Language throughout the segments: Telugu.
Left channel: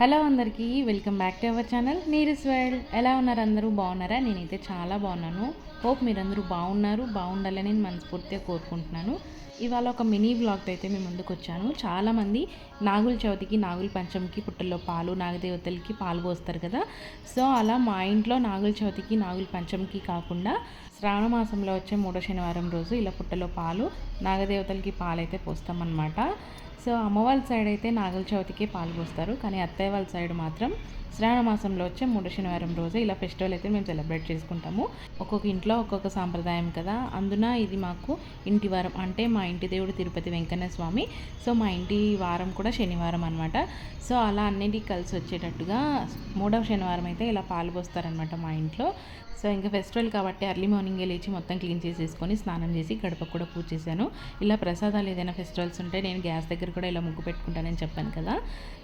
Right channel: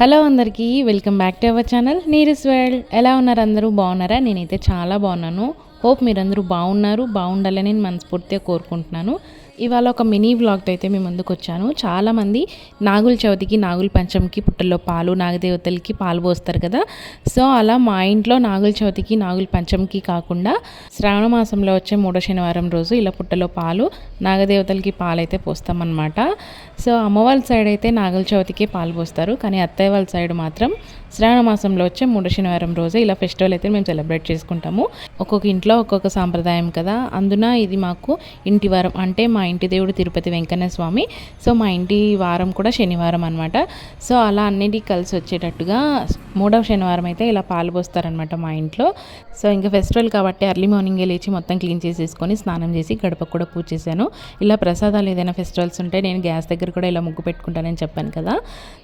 హలో అందరికీ welcome back to our channel నీరస్ వరల్డ్. ఎలా ఉన్నారు? అందరూ బాగున్నారా? నేనైతే చాలా బాగున్నాను. హోప్ మీరందరూ బాగుండాలని నేను మనస్ఫూర్తిగా కోరుకుంటున్నాను. ఇవాళ ఒక మినీ వ్లాగ్తో అయితే మేము ముందుకు వచ్చాను. చాలామంది నాగుల చవితికి, నాగుల పంచమికి పుట్టల్లో పాలు, నాగదేవతలకి పాలు పోస్తారు కదా. సో అలా మా ఇంట్లో నాగుల చవితికి, నాగుల పంచమికి కాకుండా శ్రావణ మాసంలో వచ్చే మూడో శనివారం రోజు ఇలా పుట్టలో పాలు, నాగదేవతలకి పాలు అయితే పోస్తామన్నమాట. సో అమ్మ వాళ్ళ సైడ్ అయితే నాగుల చవితికి పాలు పోస్తారు, కానీ అత్తయ్య వాళ్ళ సైడ్ మాత్రం శ్రావణ మాసంలో వచ్చే మూడో శనివారం రోజు ఇలా ఫెస్టివల్ అయితే మేము సెలబ్రేట్ చేసుకుంటాము. ఒక్కొక్క ఇంట్లో ఒక్కొక్క సాంప్రదాయం కదా. అందున ఇది మాకు ఇంటి వారం, అంటే మా ఇంటి దేవుడు తిరుపతి వెంకన్న స్వామి. సో మా ఇంటి వారం కూడా శనివారం అనమాట. సో అలా అన్నిటికీ కలిసి వచ్చేటట్టుగా మూడవ శనివారం అయితే ఇలా పాలు పోస్తారనమాట మా ఇంట్లో. సో ఇంకా ఫెస్టివల్ కాబట్టి ఎర్లీ మార్నింగే లేచి మొత్తం క్లీన్ చేసేసుకొని స్నానం చేసి గడప కూడా పూజ చేశాను. ఇలా ప్రసాదాలు ఏదైనా ఫెస్టివల్స్ ఉంటే నేను గ్యాస్ దగ్గర కూడా ఇలా ముగ్గు పెట్టుకుంటానని చెప్పాను కదా.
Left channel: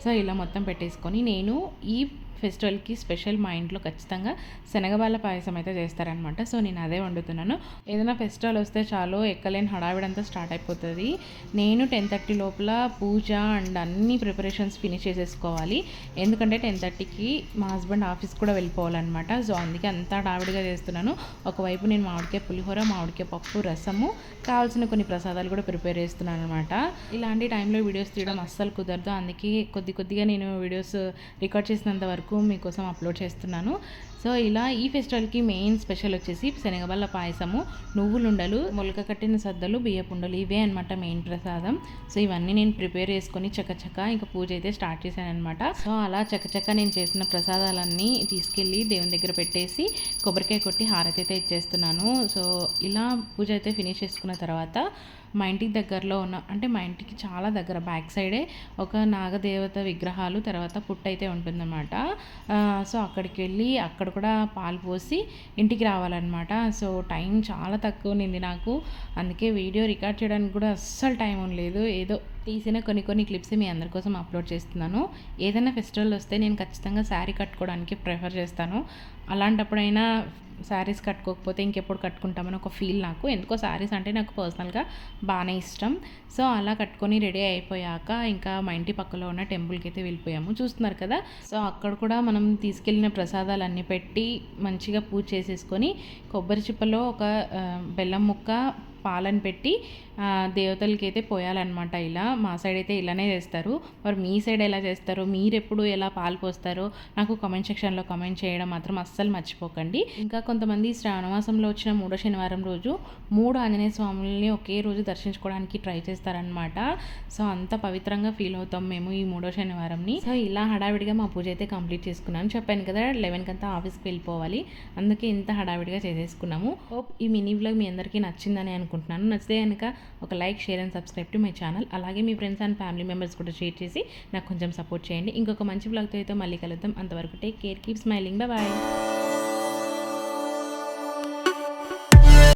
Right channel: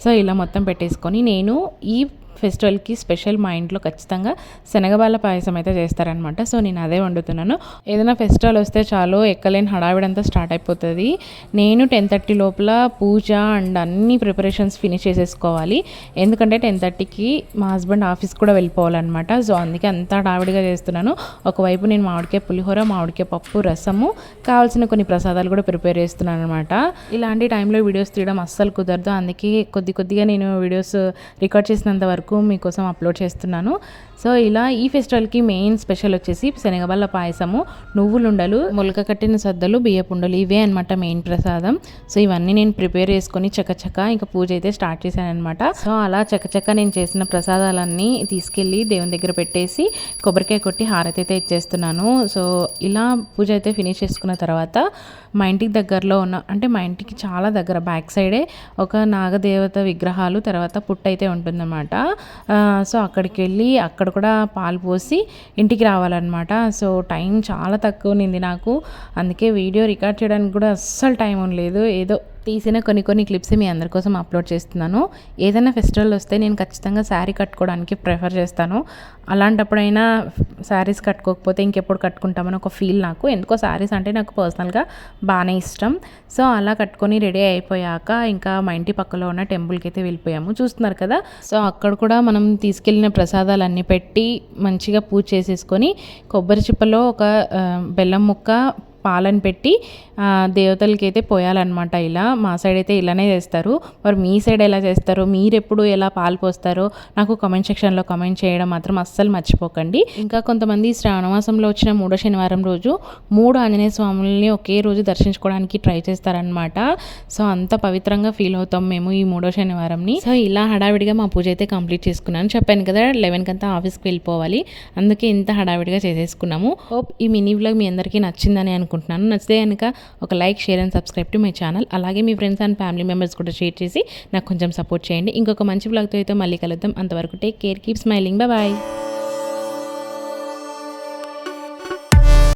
సో ఇలా మొత్తం పెట్టేసుకొని నేను ఈ ఫెస్టివల్కి స్పెషల్ మా ఇంట్లో ఖచ్చితంగా శనగబాల పాయసం అయితే చేస్తారనమాట. సో నేను అదే వండుతున్నాను. ఏదైనా ఫెస్టివల్ వస్తే చాలు ఎక్కలేని హడావిడంతా స్టార్ట్ అయిపోతుంది. నేను 10:30 లోపల పూజ అండ్ అన్ని ప్రిపరేషన్స్ ఫినిష్ చేసేసుకోవాలి. ఎందుకంటే 10:30కి మా హస్బెండ్ ఆఫీస్ కూడా వెళ్ళిపోవాలన్నమాట. సో అందుకే అంత హడావిడిగా చేస్తున్నాను. ఒకవైపు నేను మామిడికాయ పులిహోర, మామిడికాయ పప్పు, రసము, కావాల్సిన కొన్ని ప్రసాదాలు కూడా ప్రిపేర్ చేస్తున్నాను అనమాట. ఇలాంటి టైంలో వీడియోస్ తీయడం అస్సలు కుదరదు. అందుకే కొద్దిగా నేను వీడియోస్ రికార్డ్ చేసినంత వరకు మీకోసం అప్లోడ్ చేస్తున్నాను. సో ఇలా ఈ ఫెస్టివల్కి మెయిన్ స్పెషల్ వచ్చేసి శనగబల్ల పాయసము, నువ్వులుండలు, మొలక కట్టిన సద్దలు, బియ్యపుండలు, ఇవే అనమాట మెయిన్ ప్రసాదం. సో ఇవన్నీ నేను ప్రిపేర్ చేసుకొని చకచక ఇంకా పూజ అయితే స్టార్ట్ చేశాను అనమాట. సో అలా చకచక నేను చేసిన ప్రసాదాలన్నీ తీసుకెళ్ళి దేవుని దగ్గర పెట్టేసి కొబ్బరికాయ కొట్టి హారతి అయితే ఇచ్చేస్తున్నాను. సో ఇలా పూజ అయితే ఫినిష్ చేసుకున్న తర్వాత మా ఇంటికి దగ్గరలో ఉన్న, అంటే మా ఇంటికి చాలా దగ్గర బ్యాక్ సైడే ఒక నాగదేవత విగ్రహాలు తర్వాత పుట్ట అయితే ఉంటుందన్నమాట. సో అక్కడికి వెళ్ళి అక్కడ కూడా పాలు పోసి ఇంటికి రావాలన్నమాట. సో టైం చాలా తక్కువ ఉంది నాకు. అందుకే వీడియో రికార్డ్ చేయడానికి కూడా అస్సలు టైం ఉండలేదు. ఏదో తీసిన కొన్ని క్లిప్స్ మీ అందరి కోసం అప్లోడ్ చేస్తున్నాను. ఏదైనా ఫెస్టివల్ వస్తే నేను ఖచ్చితంగా శారీ కట్టుకోవడానికి ప్రిఫర్ చేస్తాను. అలాంటప్పుడైనా శారీస్ కట్టుకోకపోతే ఇంకెప్పుడు కట్టుకుంటామని ఒక ఫీల్ నాకు. ఎందుకో శారీస్ అంటే నాకు పర్సనల్గా బాగానే ఇష్టం. సో అలా కట్టుకొని రెడీ అయిపోయాక ఇంకా మా ఇంటి పక్కలో ఉన్న టెంపుల్కి అయితే వెళ్ళిపోయాము. చూస్తున్నారు కదా. సో అక్కడ కూడా మనం తీసుకెళ్ళిన ప్రసాదాలన్నీ పెట్టి మంచిగా పూజ చేసేసుకొని కొబ్బరి చిప్పలో ఒక బెల్లం ముక్క, పాలను పెట్టి దేవతలకి అయితే పోయాలన్నమాట. ఇలా మా సైడ్ అయితే ఇలానే చేస్తారు. మరి మీ సైడ్ ఎలా చేస్తారో, మీరు ఎప్పుడు ఎలా పాలు పోస్తారో నాకు కామెంట్ సెక్షన్లో కామెంట్ చేయడం మాత్రం అస్సలు మర్చిపోకండి. ఇంకా కొంతమంది శ్రావణమాసంలో వచ్చిన మూడో శనివారం రోజు 3 ఆంజనేయ స్వాములని ఒకే రోజు దర్శించుకోవడానికి ట్రై చేస్తారనమాట. సో అంత పవిత్రంగా ఫీల్ అవుతాం మేము ఈ మూడో శనివారంని. సో ఇలా హడావిడిగా మా పూజ అయితే కంప్లీట్ చేసుకున్నాను. చెప్పాను కదా 11 కంతా ఆఫీస్కి వెళ్ళిపోవాలి, అందుకే ఇంత హడావిడిగా చేసేసుకున్నాము. హోప్ ఈ మినీ వ్లాగ్ మీ అందరికీ నచ్చిందని అనుకుంటున్నాను. నచ్చితే కనుక ఒక like, share and subscribe to my channel. అలాగే మీ ఫ్రెండ్స్ అండ్ ఫ్యామిలీ మెంబర్స్ కూడా షేర్ చేసి నాకు కొంచెం సపోర్ట్ చేయండి. ఇంకొక మంచి వ్లాగ్తో అయితే మళ్ళీ కలుద్దాం. అంతవరకు take care, keep smiling, bye.